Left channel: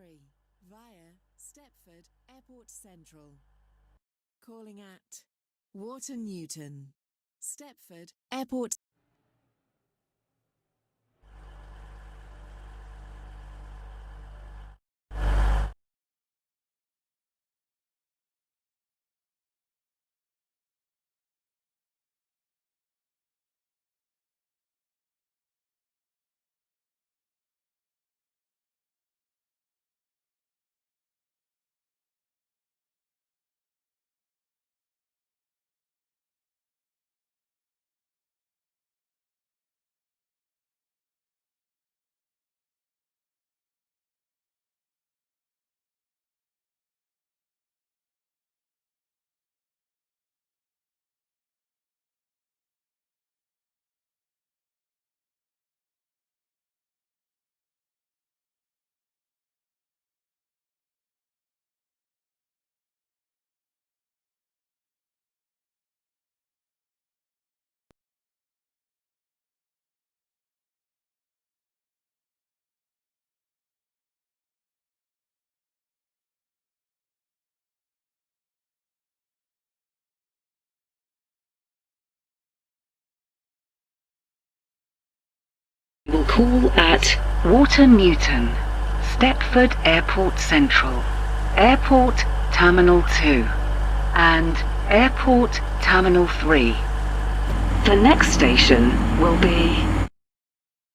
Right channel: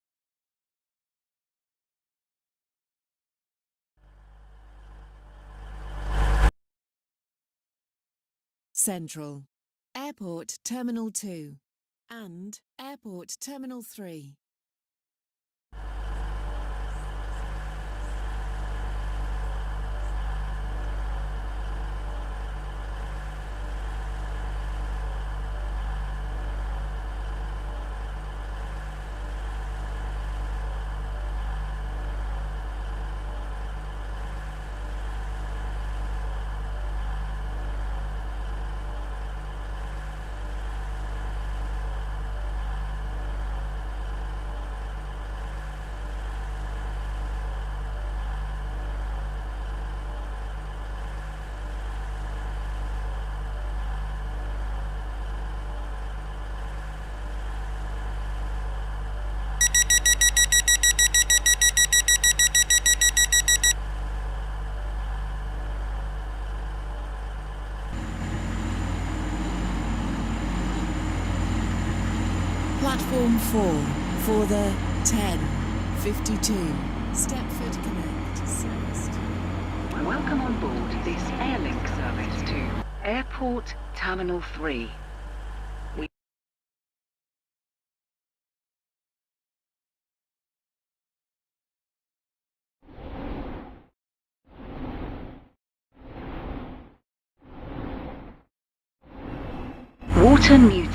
3 via Stepford Airport Central. Calling at Waterloo, Stepford Airport Central, Airport Terminal 2 and Airport Terminal 3. Platform 4 for the 10:52 Stepford Connect service. Welcome on board this Airlink service to Airport Terminal 3. We will call at Waterloo, Stepford Airport Central, Airport Terminal 2 and Airport Terminal 3. The next station will be Waterloo.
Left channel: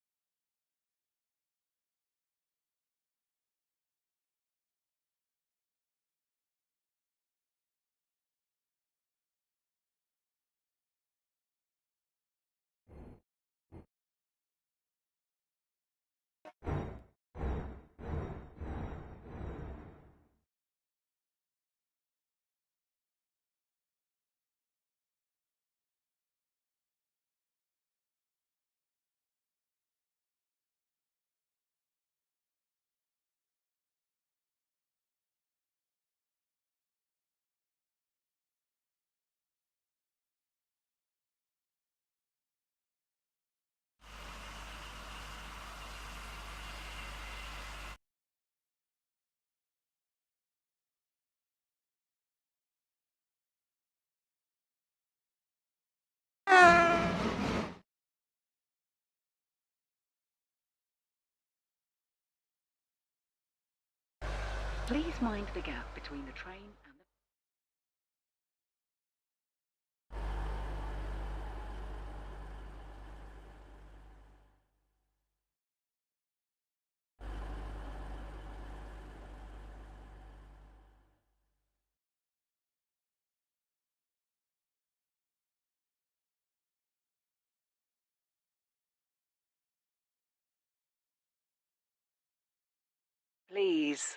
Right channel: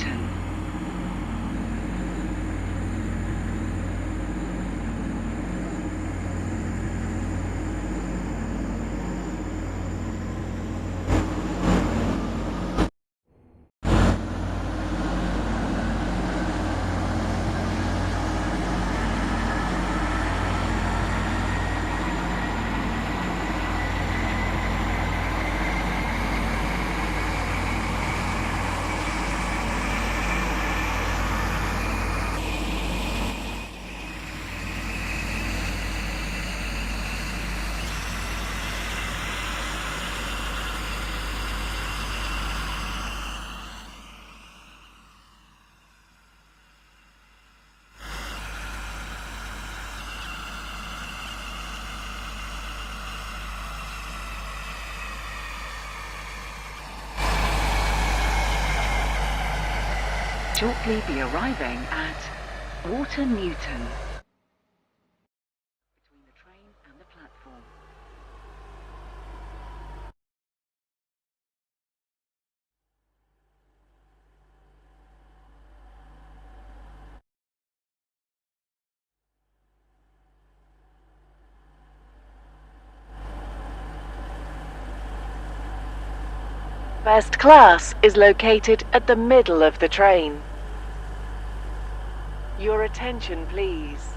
Shortly be arriving at Waterloo. Please mind the gap between the train and the platform. First class is located at the middle of the train. Your attention, please.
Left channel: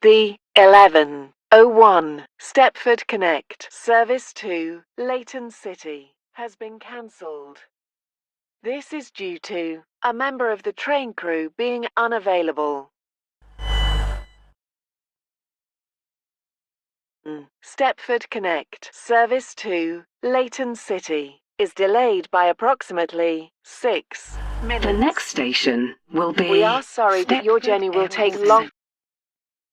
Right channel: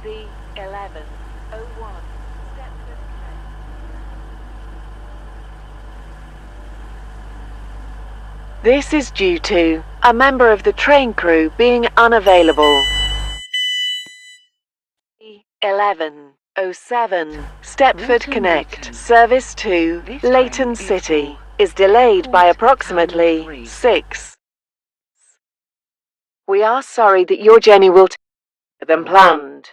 The 11:01 Stepford Connect service to Leighton City has been cancelled. This is due to a member of the train crew being unavailable. The 11:07 Stepford Connect service to Leighton City is delayed by approximately 6 minutes. The next station will be... We are sorry that your journey will take longer than planned.